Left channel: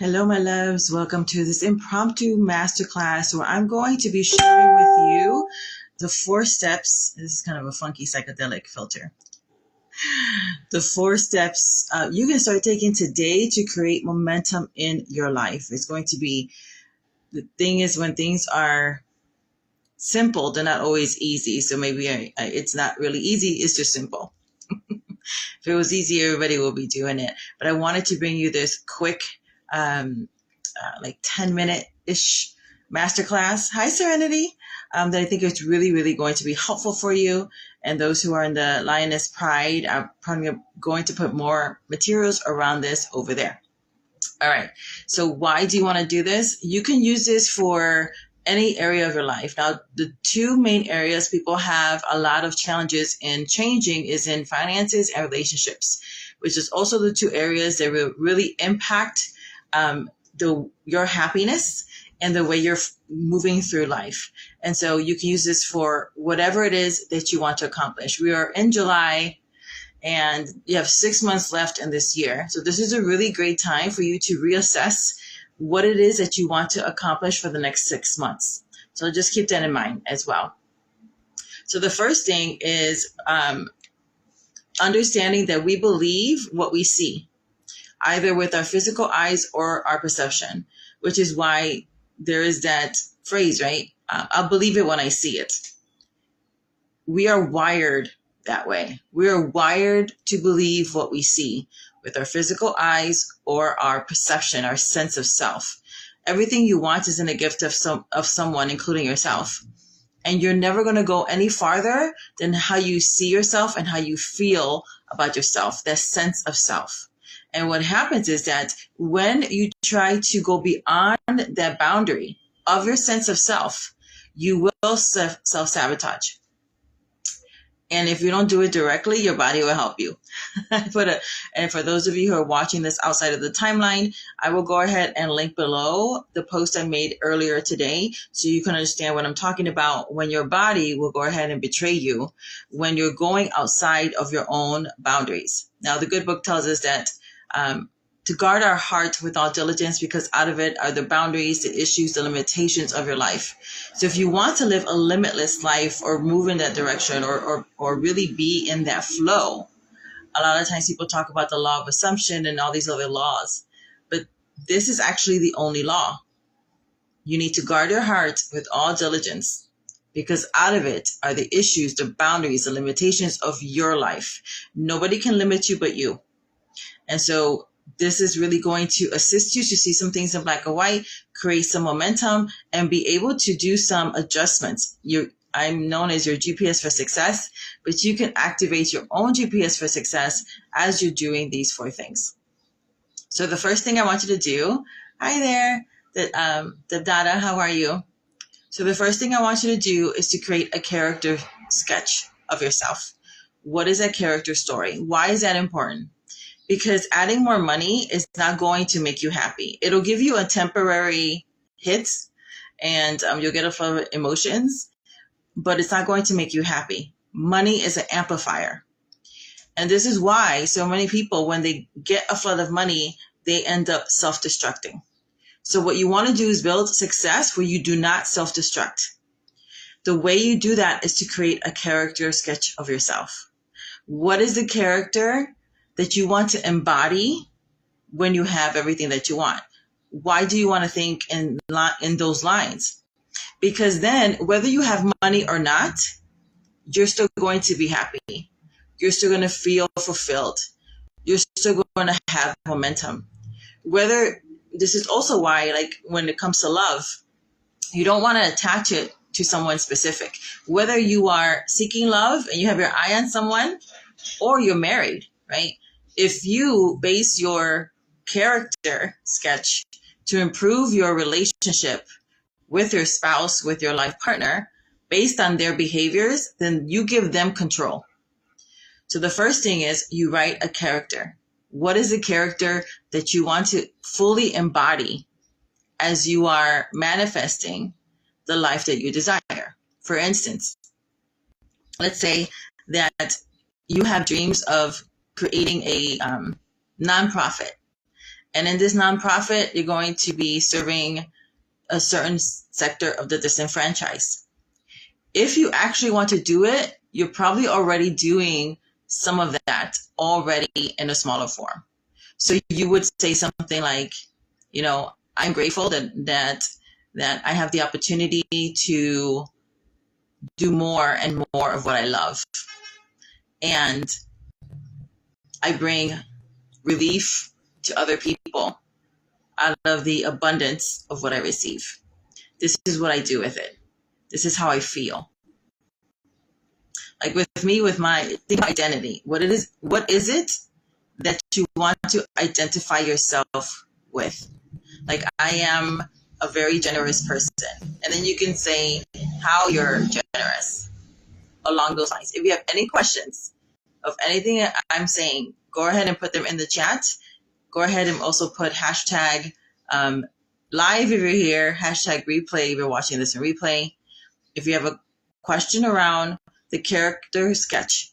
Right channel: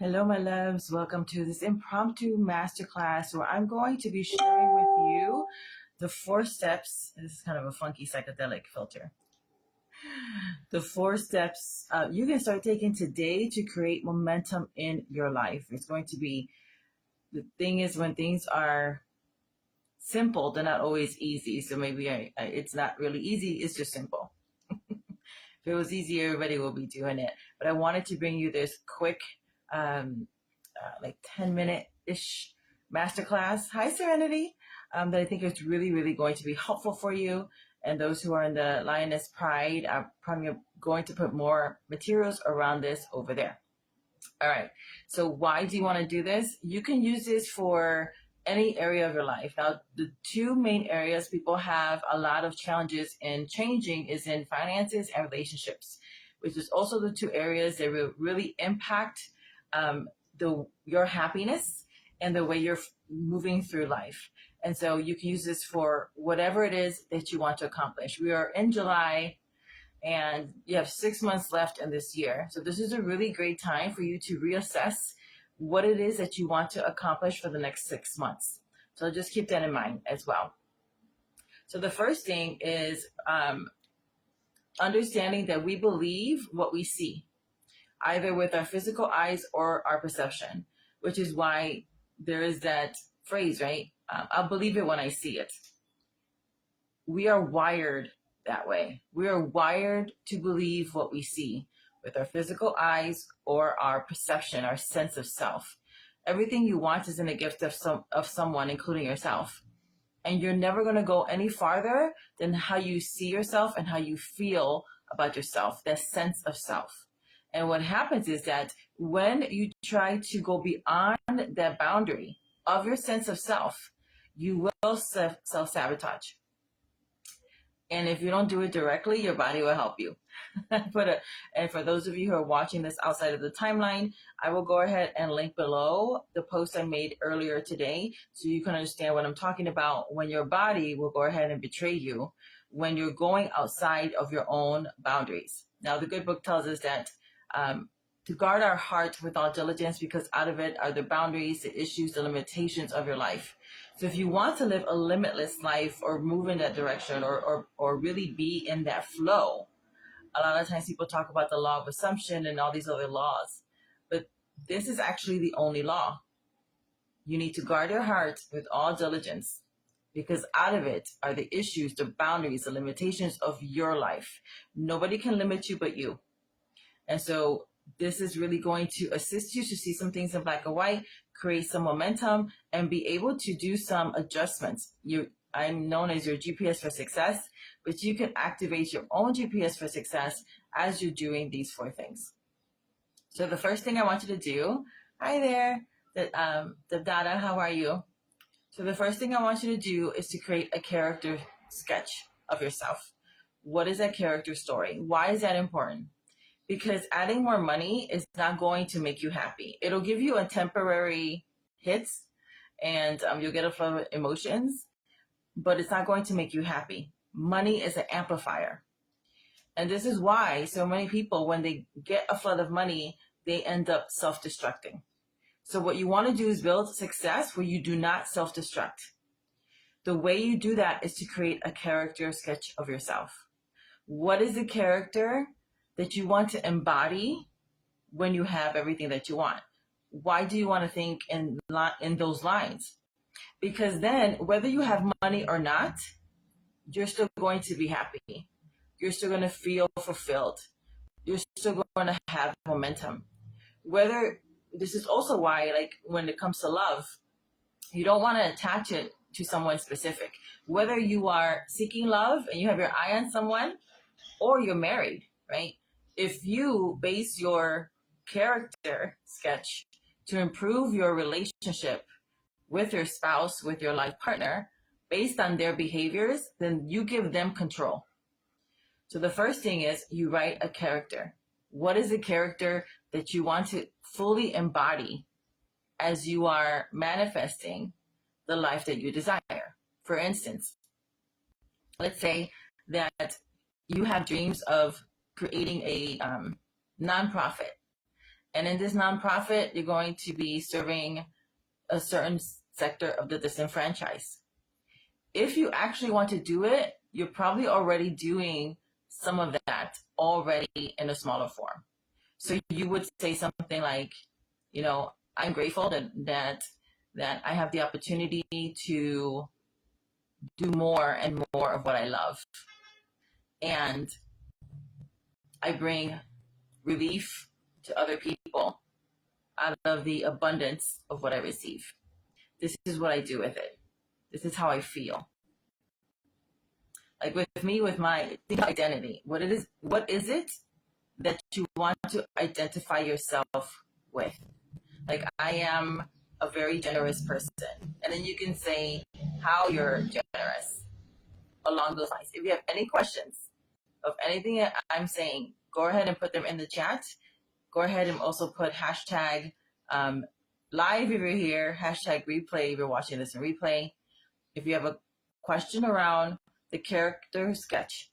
Hello, my loves. Welcome to this impromptu masterclass where I'm going to be sharing with you the 4 steps. This is kind of a funky psychedelic filter. The 4 steps you can start taking today to create momentum in your life. It's going to be, the thing is, when things are simple, they're not always easy. So maybe it's not really easy. It's just simple. If it was easy, everybody will be doing it. But I wanted to bring you this quick, like 10-minute-ish masterclass. Hi, Serenity. That I think is really, really going to be helpful for you. And those who are in the Lioness Pride, I'm probably going to put more materials around this over there. All right. So why do you want to do this? You can use this for any area of your life. Now, the 2 main areas people have a lot of challenges in changing is in finances and relationships, which is also the 2 areas that will really impact your happiness and the way you're moving through life. And so you can use this for whatever it is that you want to accomplish. We are in July and you have 6 months left in this year. So this is a really great time for you to reassess what it is that you want to accomplish for the next 6 months. So just keep that in mind as well. So the first thing is understanding that we believe what we see, either with our physical eyes or our perception, which is why there is that phrase, right? I'll believe it when I see it. We are wired that way. We are wired to believe what we see with our physical eyes or our perception, our sense of self. Everything you want is in a gift of someone, including yourself. And you're never going to go any farther than how you see yourself and how you feel about yourself, that sense of self. And what happens is that when you try to go beyond that boundary of your sense of self, you will self-sabotage. And if you don't do it directly, your body will help you. And for those of you who are watching this outside of the timeline, I will go ahead and link below the post I made earlier today so you can understand what I'm talking about when your body will go ahead and betray you when you're going outside of your own boundaries. Now, the good book tells us that to guard our heart with all diligence, because out of it are the boundaries, the issues, the limitations of your life. So if you want to live a limitless life or move in that direction or really be in that flow, a lot of times people talk about the law of assumption and all these other laws, but this is actually the only law. You need to guard your heart with all diligence, because out of it are the issues, the boundaries, the limitations of your life. Nobody can limit you but you. And so this is really going to assist you to see some things in black and white, create some momentum, and be able to do some adjustments. I'm known as your GPS for success, but you can activate your own GPS for success as you're doing these 4 things. So the first thing I want you to do, hi there, Dada, how are you? So the first thing I want you to do is to create a character sketch of yourself. What is that character story? Why is that important? Because adding more money is not going to make you happy. It'll give you a temporary hit and you'll get a flow of emotions, but it's not going to make you happy. Money is an amplifier. And this is why so many people, when they get a flood of money, they end up self-destructing. So what you want to do is build success where you do not self-destruct. The way you do that is to create a character sketch of yourself. What is the character that you want to embody when you have everything that you want? Why do you want to think in those lines? Because then whether you have money or not, you're still going to be happy. You're still going to feel fulfilled. You're still going to have momentum. This is also why, like, when it comes to love, you don't want to attach it to someone specific. Whether you are seeking love and you have your eye on someone, or you're married, right? If you base your character sketch to improve your relationship with your spouse, with your life partner, based on their behaviors, then you give them control. So the first thing is you write a character. What is the character that you want to fully embody as you are manifesting the life that you desire? For instance, let's say that you have dreams of creating a nonprofit, And in this nonprofit, you're going to be serving a certain sector of the disenfranchised. If you actually want to do it, you're probably already doing some of that already in a smaller form. So you would say something like, I'm grateful that I have the opportunity to do more and more of what I love. And I bring relief to other people out of the abundance of what I receive. This is what I do with it. This is how I feel. Like with me, with my identity, what is it that you want to identify yourself with? Like, I am a very generous person. And then you can say how you're generous along those lines. If you have any questions of anything that I'm saying, go ahead and put them in the chat. Go ahead and also put hashtag live if you're here, hashtag replay if you're watching this in replay. If you have a question around the character sketch,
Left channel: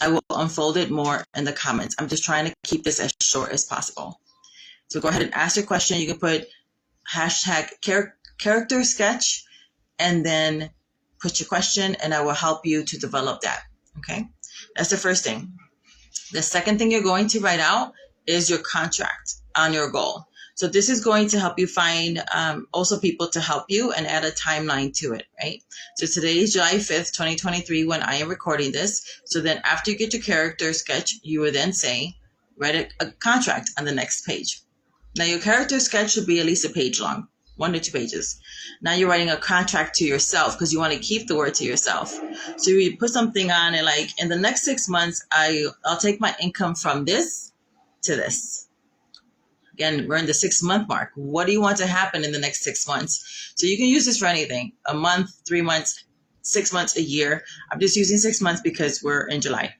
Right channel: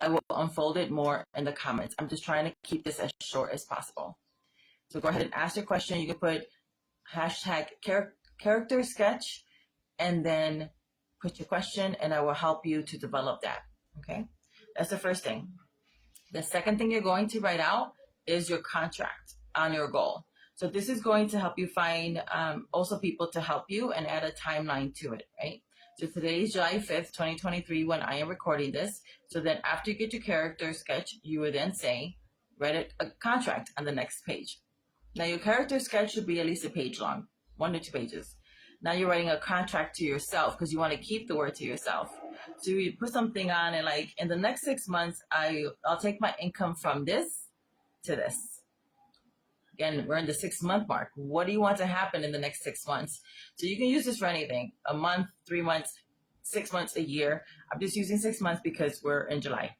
I will unfold it more in the comments. I'm just trying to keep this as short as possible. So go ahead and ask your question. You can put hashtag character sketch and then put your question, and I will help you to develop that. Okay, that's the first thing. The second thing you're going to write out is your contract on your goal. So this is going to help you find also people to help you and add a timeline to it, right? So today is July 5th, 2023 when I am recording this. So then after you get your character sketch, you would then say, write a contract on the next page. Now your character sketch should be at least a page long, 1 to 2 pages. Now you're writing a contract to yourself because you want to keep the word to yourself. So you put something on it like, in the next 6 months, I'll take my income from this to this. Again, we're in the 6-month mark. What do you want to happen in the next 6 months? So you can use this for anything, a month, 3 months, 6 months, a year. I'm just using 6 months because we're in July.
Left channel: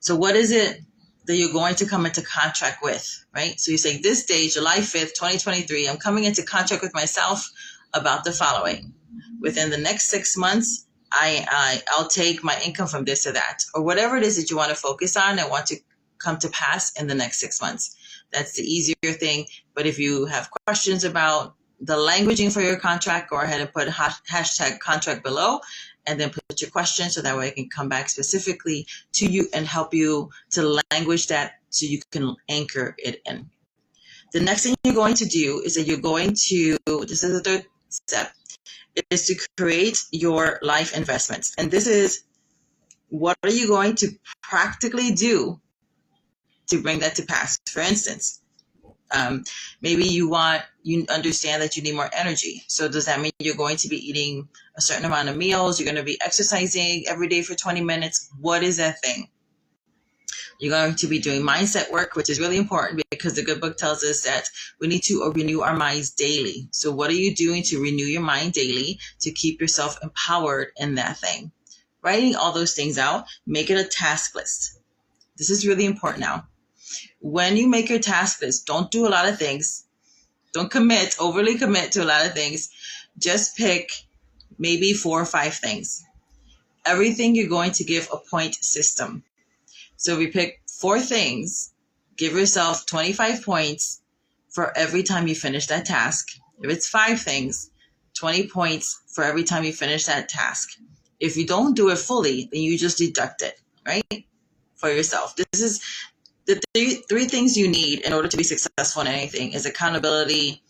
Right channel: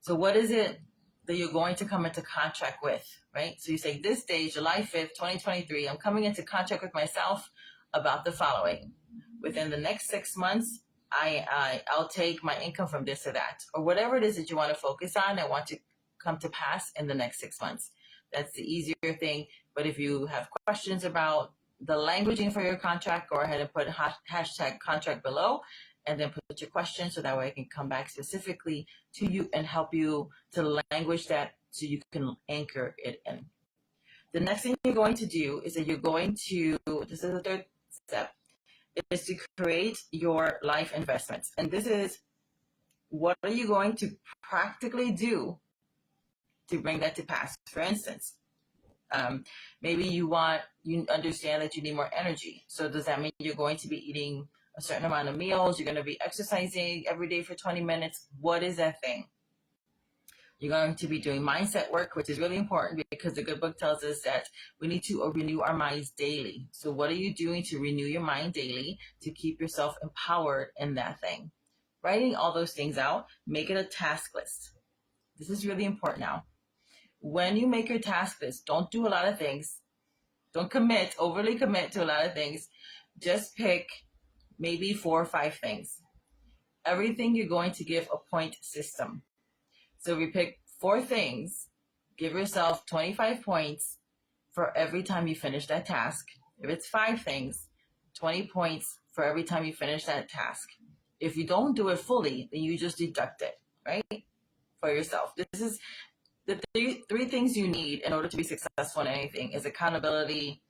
So what is it that you're going to come into contract with, right? So you say this day, July 5th, 2023, I'm coming into contract with myself about the following. Within the next 6 months, I'll take my income from this or that, or whatever it is that you want to focus on and want to come to pass in the next 6 months. That's the easier thing. But if you have questions about the languaging for your contract, go ahead and put hashtag contract below and then put your question so that way I can come back specifically to you and help you to language that so you can anchor it in. The next thing you're going to do is that you're going to, this is the third step, is to create your life investments. And this is, what are you going to practically do to bring that to pass? For instance, maybe you understand that you need more energy. So does that mean you're going to be eating a certain amount of meals? You're going to be exercising every day for 20 minutes. What is that thing? You're going to be doing mindset work, which is really important because the good book tells us that we need to renew our minds daily. So what are you doing to renew your mind daily to keep yourself empowered in that thing? Writing all those things out, make it a task list. This is really important now. When you make your task list, don't do a lot of things. Don't overly commit to a lot of things. Just pick maybe 4 or 5 things. Everything you're going to give a point system. So if you pick 4 things, give yourself 25 points for every time you finish that task. If it's 5 things, 20 points for every time you finish that task. If you don't do it fully, then you just deduct it, right? For yourself. This is the three things you need in order to be successful in anything is accountability,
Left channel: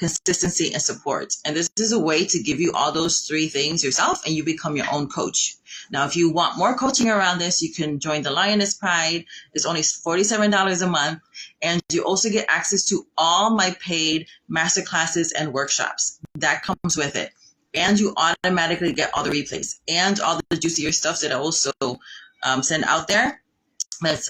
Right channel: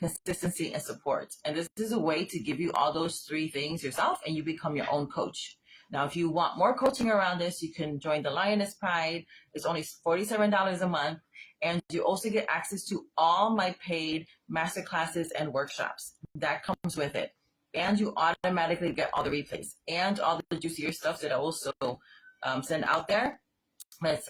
consistency, and support. And this is a way to give you all those 3 things yourself and you become your own coach. Now, if you want more coaching around this, you can join the Lioness Pride. It's only $47 a month. And you also get access to all my paid masterclasses and workshops. That comes with it. And you automatically get all the replays and all the juicier stuff that I also send out there. That's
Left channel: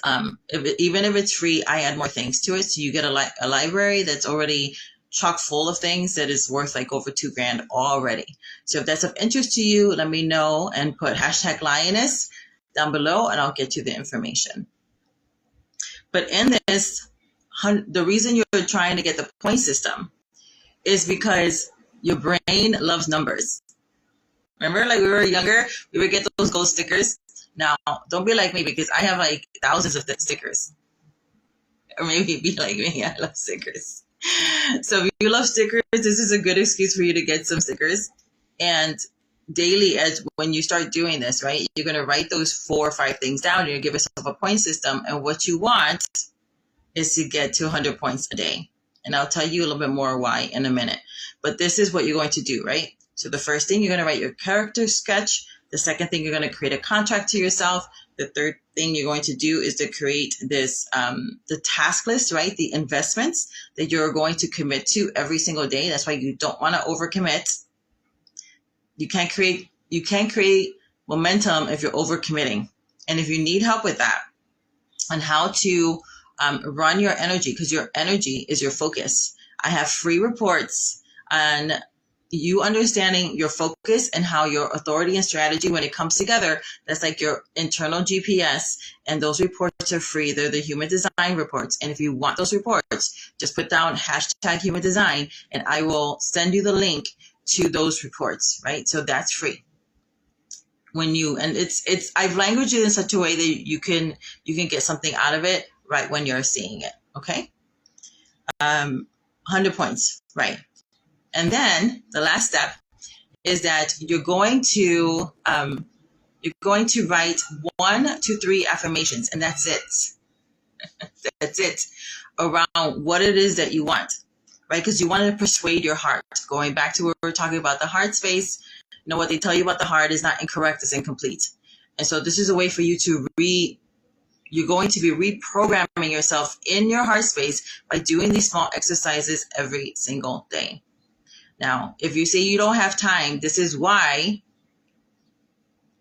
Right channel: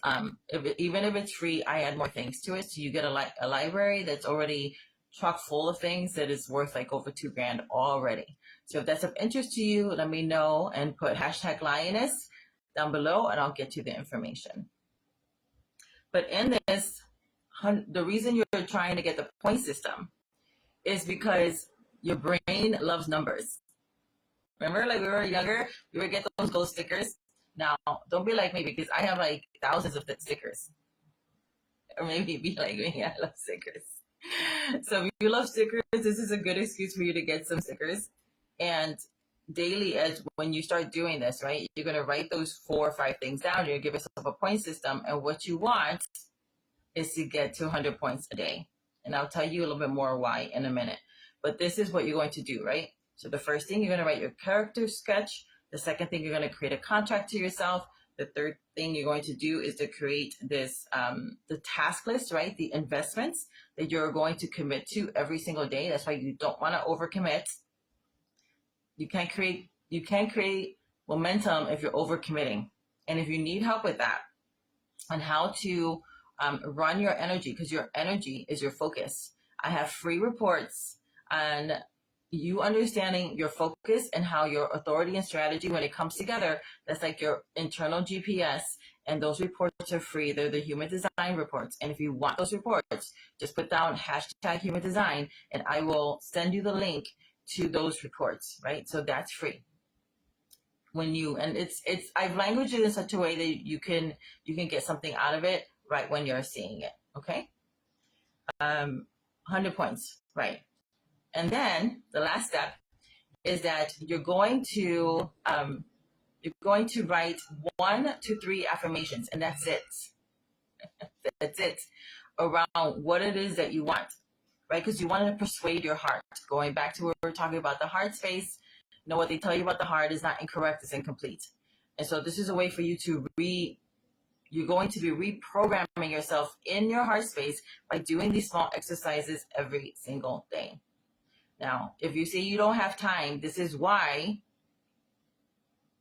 even if it's free, I add more things to it. So you get a library that's already chock full of things that is worth like over $2,000 already. So if that's of interest to you, let me know and put hashtag Lioness down below and I'll get you the information. But in this, the reason you're trying to get the point system is because your brain loves numbers. Remember, like we were younger, we would get those gold stickers. Now, don't be like me because I have like thousands of stickers. Or maybe be like me, I love stickers. So if you love stickers, this is a good excuse for you to get some stickers. And daily, as when you start doing this, right, you're going to write those 4 or 5 things down. You're going to give yourself a point system. And what you want is to get to 100 points a day. And I'll tell you a little bit more why in a minute. But this is what you're going to do, right? So the first thing, you're going to write your character sketch. The second thing, you're going to create a contract to yourself. The third thing you're going to do is to create this, the task list, right? The investments that you're going to commit to every single day. That's why you don't want to overcommit. You can't create momentum if you're overcommitting. And if you need help with that on how to run your energy, because your energy is your focus, I have free reports on you understanding your focus and how your authority and strategy, when it comes together, that's like your internal GPS. And those reports are free. They're the human design reports. And if you want those reports, just put down hashtag human design and I will send you the link to those reports, right? So that's free. When you, and I've languaged it in such a way that you can get something out of it right when you're seeing it. Okay. 100 points, right? And then the last step is that you're going to write 1 to 3 affirmations, and that's it. That's it, around what it is that you want, right? Because you want to persuade your heart. Going back to where we're talking about the heart space, you know what they tell you about the heart is not incorrect, it's incomplete. And so this is a way for you to you're going to be reprogramming yourself in your heart space by doing these small exercises every single day. Now, if you say you don't have time, this is why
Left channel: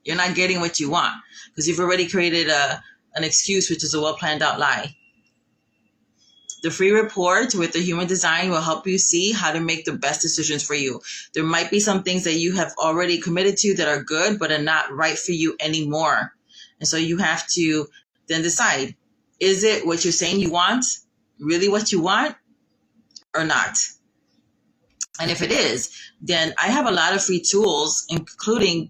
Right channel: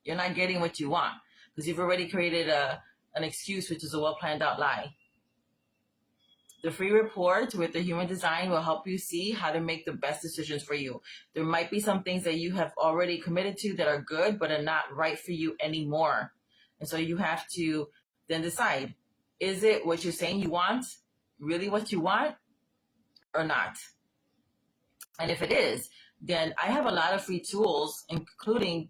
you're not getting what you want, because you've already created an excuse, which is a well-planned out lie. The free report with the human design will help you see how to make the best decisions for you. There might be some things that you have already committed to that are good, but are not right for you anymore. And so you have to then decide, is it what you're saying you want, really what you want, or not? And if it is, then I have a lot of free tools, including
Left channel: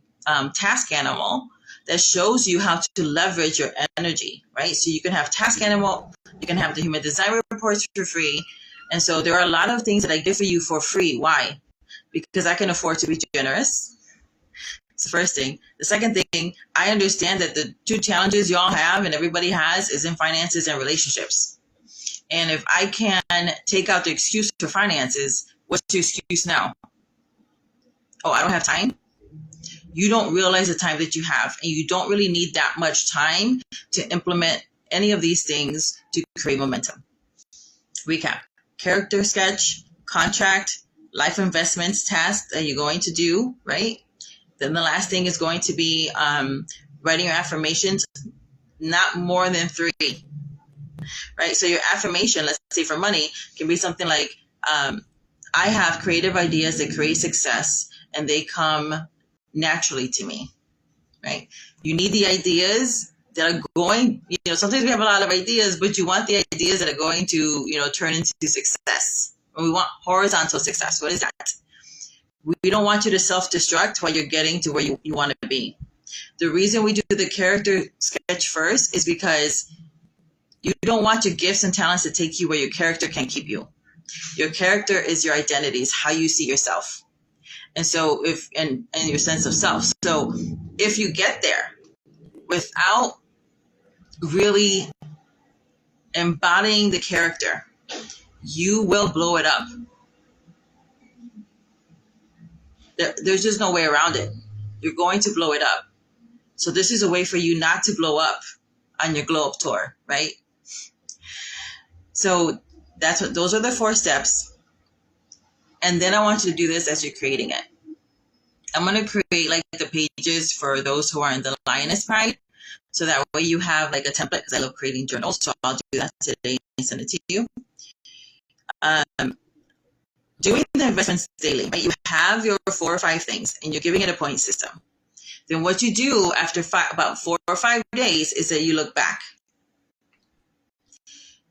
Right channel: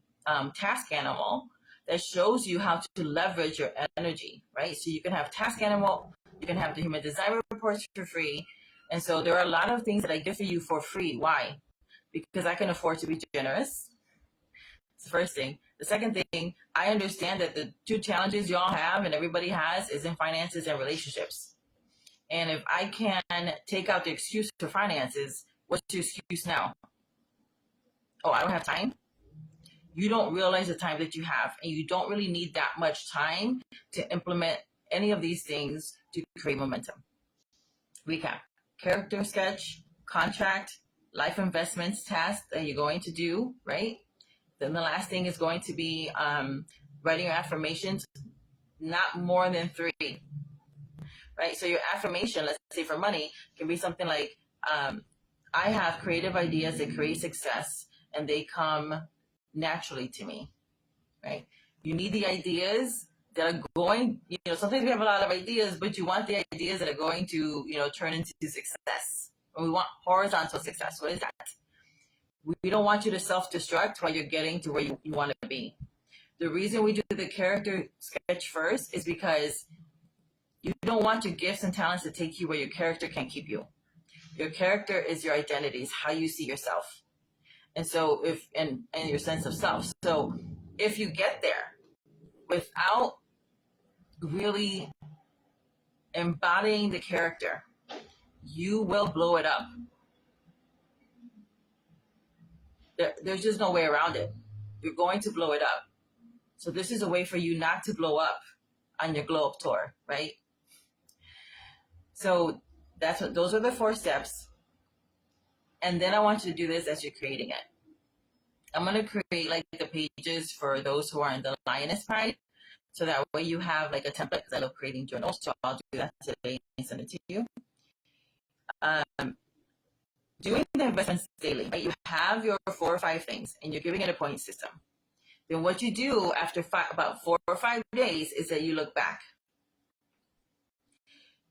Task Animal, that shows you how to leverage your energy, right? So you can have Task Animal, you can have the Human Design Reports for free. And so there are a lot of things that I give for you for free. Why? Because I can afford to be generous. It's the first thing. The second thing, I understand that the 2 challenges y'all have and everybody has is in finances and relationships. And if I can take out the excuse for finances, what's your excuse now? Oh, I don't have time. You don't realize the time that you have, and you don't really need that much time to implement any of these things to create momentum. Recap: character sketch, contract, life investments task that you're going to do, right? Then the last thing is going to be writing your affirmations, not more than 3, right? So your affirmation, let's say for money, can be something like, I have creative ideas that create success and they come naturally to me, right? You need the ideas that are going, sometimes we have a lot of ideas, but you want the ideas that are going to, turn into success. And we want horizontal success. What is that? We don't want you to self-destruct while you're getting to where you want to be. The reason we do the character sketch first is because you don't want your gifts and talents to take you where your character can keep you. Your character is your identity, is how you see yourself. And so and your sense of self. So if you get there without really embodying the character, you will blow it up. There's just no way around it. You're going to blow it up. So this is a way for you not to blow up on your glow up tour, right? So those are the 4 steps. And then I want you to do this as you're creating it. I'm going to create like the pages for those who are in the Lioness Pride. So that way you have like a template, because I love creating journals. So I'll do that today and send it to you. Doing the investments daily, right? You have your 4 or 5 things and you're giving it a point system. Then what you do after about 4 or 5 days is that you look back.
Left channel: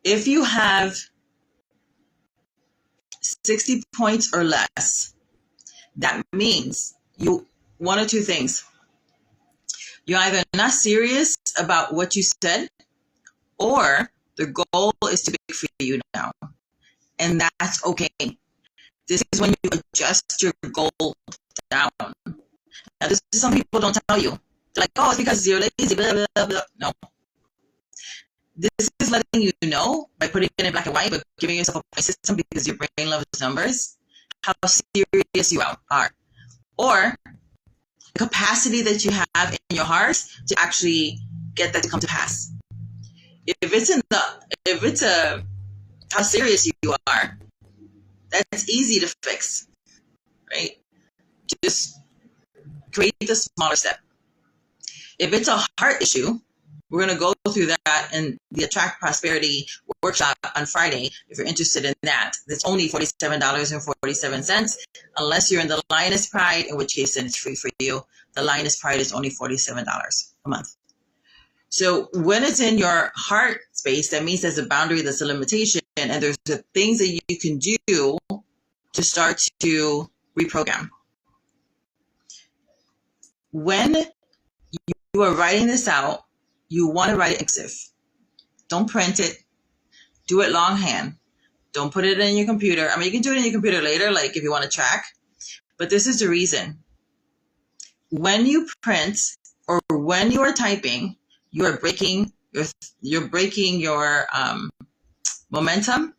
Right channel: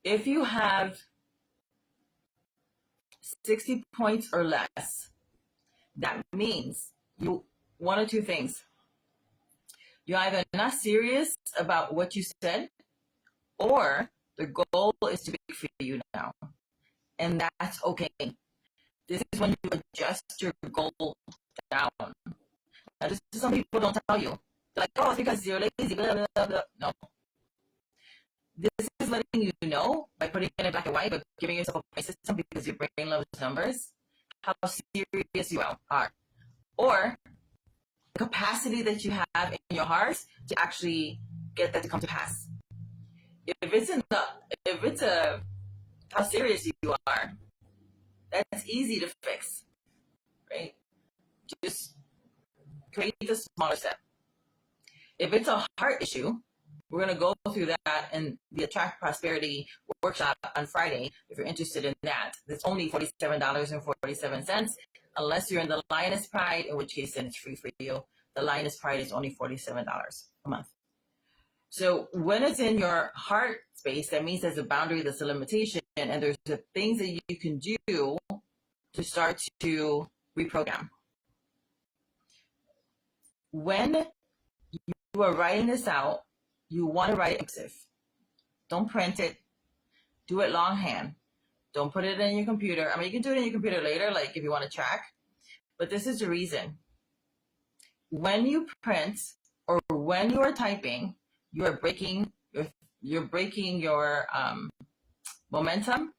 If you have 60 points or less, that means 1 or 2 things. You're either not serious about what you said, or The goal is too big for you now. And that's okay. This is when you adjust your goal down. Now, this is some people don't tell you. They're like, oh, it's because you're lazy, blah, blah, blah, blah. No. This is letting you know, by putting it in black and white, but giving yourself a point system because your brain loves numbers, how serious you are. Or the capacity that you have in your heart to actually get that to come to pass. If it's how serious you are, that's easy to fix, right? Just create the smaller step. If it's a heart issue, we're going to go through that in the Attract Prosperity workshop on Friday. If you're interested in that, it's only $47.47, unless you're in the Lioness Pride, in which case then it's free for you. The Lioness Pride is only $47 a month. So when it's in your heart space, that means there's a boundary, there's a limitation, and there's the things that you can do to start to reprogram. When you are writing this out, you want to write it cursive. Don't print it. Do it longhand. Don't put it in your computer. I mean, you can do it in your computer later, like if you want to track. But this is the reason. When you print or when you are typing, you are breaking your momentum,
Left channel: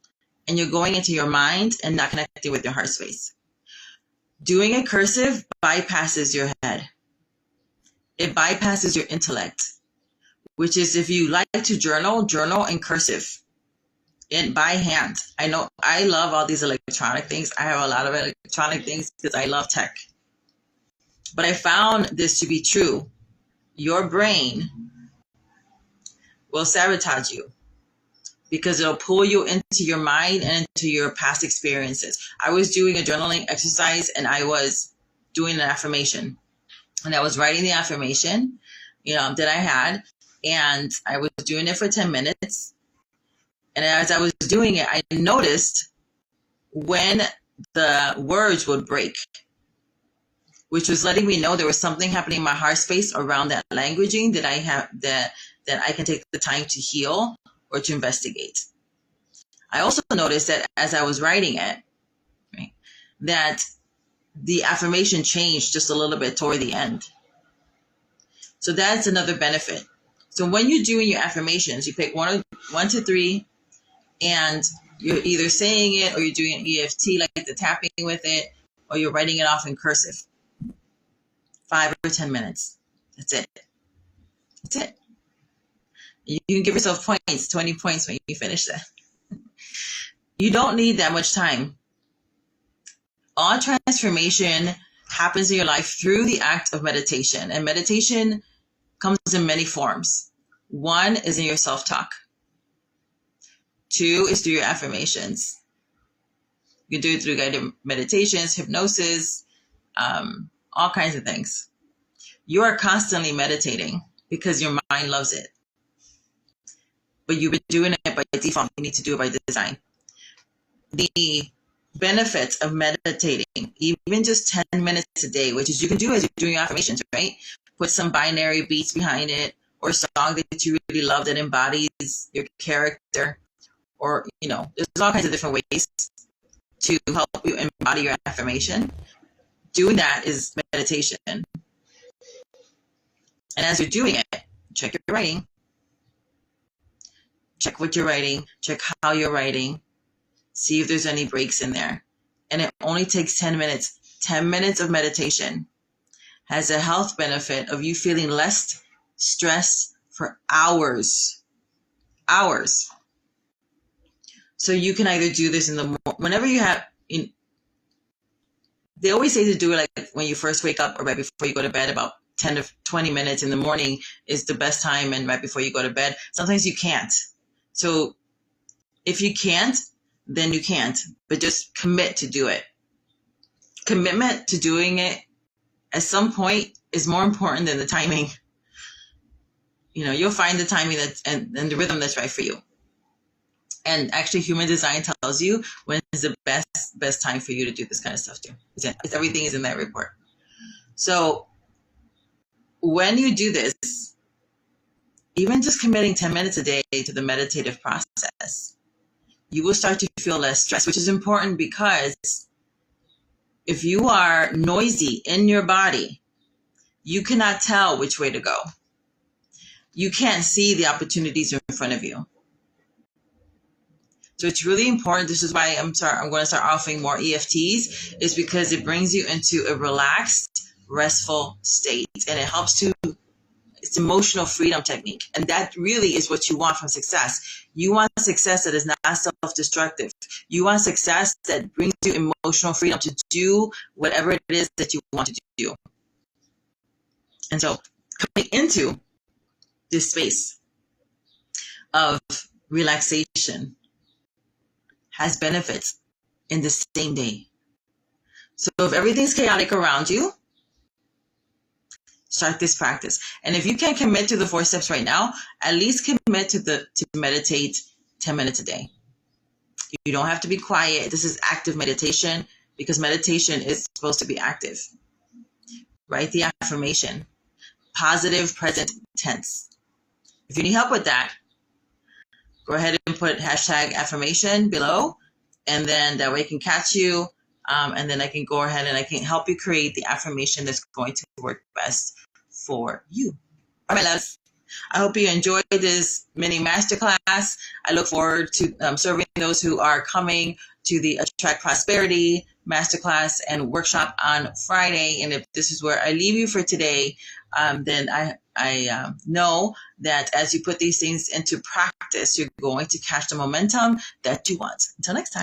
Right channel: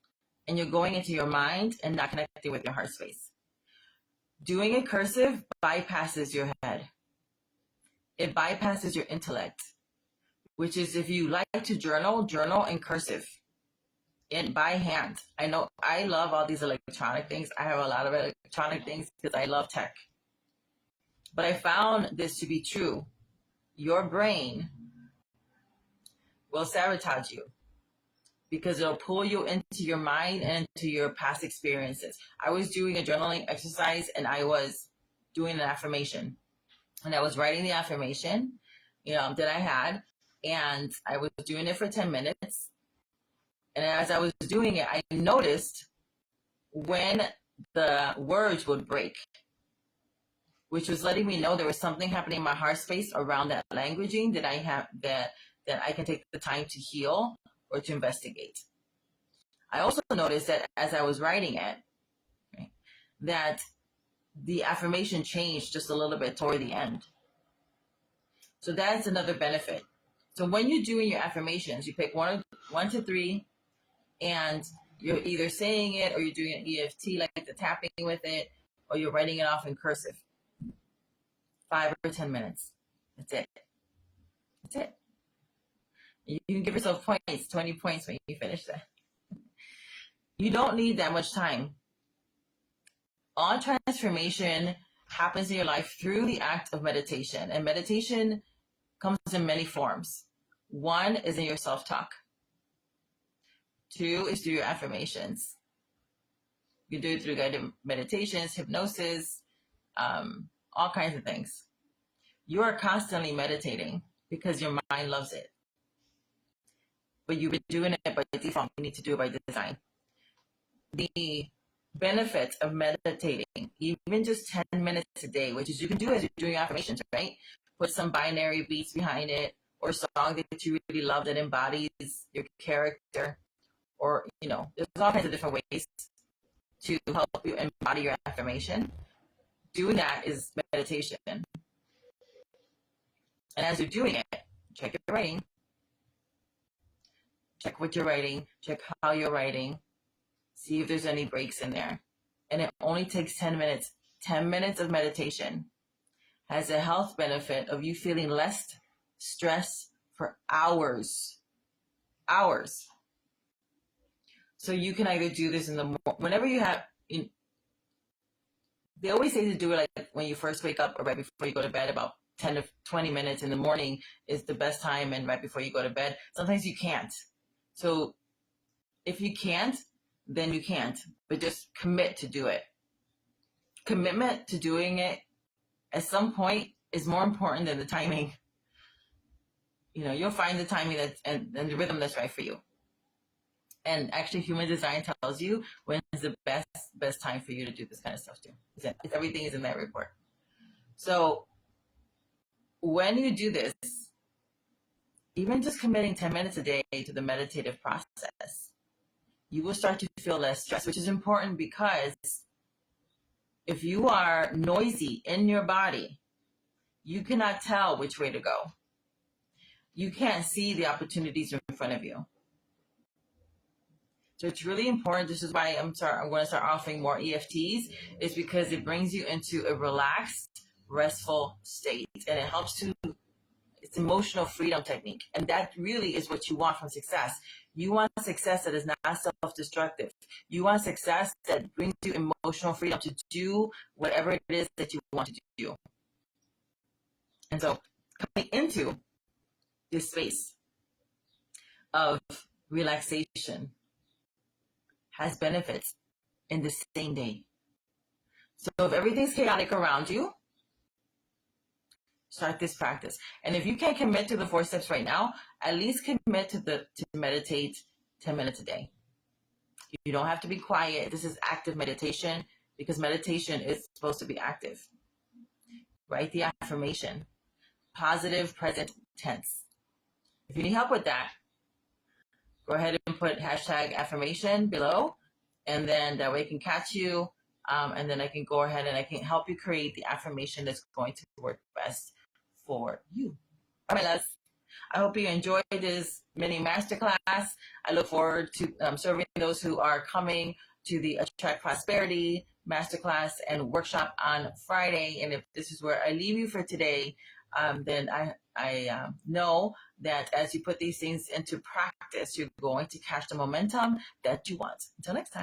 and you're going into your mind and not connecting with your heart space. Doing it cursive bypasses your head. It bypasses your intellect, which is, if you like to journal in cursive, by hand. I know I love all these electronic things. I have a lot of electronic things because I love tech. But I found this to be true. Your brain will sabotage you because it'll pull you into your mind and into your past experiences. I was doing a journaling exercise and I was doing an affirmation. And I was writing the affirmation, that I had. And I was doing it for 10 minutes. And as I was doing it, I noticed when the words would break, which was letting me know there was something happening in my heart space around that languaging that I have, that I can take the time to heal or to investigate. I also noticed that as I was writing it, right, that the affirmation changed just a little bit toward the end. So that's another benefit. So when you're doing your affirmations, you pick one to three, and you're either saying it or you're doing an EFT, like the tapping with it, or you're writing it off in cursive. 5 or 10 minutes. That's it. That's it. You can give yourself points, 20 points when you finish that. You don't need that much time. All transformation happens in your life through the act of meditation. And meditation comes in many forms. 1 is in your self-talk. 2 is through your affirmations. You can do it through guided meditations, hypnosis, all kinds of things. You are constantly meditating because your mind loves it. But you've been doing it by default. You need to do it by design. The benefits of meditating, even just 10 minutes a day, which is you can do as you're doing your affirmations, right? Put some binary beats behind it, or a song that you really love that embodies your character, or, there's all kinds of different ways to help you embody your affirmation. Doing that is meditation. And as you're doing it, check your writing. Check what you're writing. Check how you're writing. See if there's any breaks in there. And it only takes 10 minutes. 10 minutes of meditation has a health benefit of you feeling less stressed for hours. Hours. So you can either do this in the morning, whenever you have, they always say to do it like when you first wake up or right before you go to bed. About 10 to 20 minutes in the morning is the best time, and right before you go to bed. Sometimes you can't. So if you can't, then you can't, but just commit to do it. Commitment to doing it at some point is more important than the timing. You'll find the timing and the rhythm that's right for you. And actually, human design tells you when is the best time for you to do this kind of stuff too. Everything is in that report. So when you do this, even just committing 10 minutes a day to the meditative process, you will start to feel less stress, which is important because if you are noisy in your body, you cannot tell which way to go. You can't see the opportunities in front of you. So it's really important. This is why I'm going to start offering more EFTs, is because it brings you into a relaxed, restful state, and it helps to, it's emotional freedom technique. And that really is what you want from success. You want success that is not self-destructive. You want success that brings you emotional freedom to do whatever it is that you want to do. And so coming into this space of relaxation has benefits in the same day. So if everything's chaotic around you, start this practice. And if you can't commit to the 4 steps right now, at least commit to meditate 10 minutes a day. You don't have to be quiet. This is active meditation, because meditation is supposed to be active. Write the affirmation, positive present tense. If you need help with that, go ahead and put hashtag affirmation below, and then that way I can catch you, and then I can go ahead and I can help you create the affirmation that's going to work best for you. All right, loves. I hope you enjoyed this mini masterclass. I look forward to serving those who are coming to the Attract Prosperity masterclass and workshop on Friday. And if this is where I leave you for today, then I know that as you put these things into practice, you're going to catch the momentum that you want. Until next time.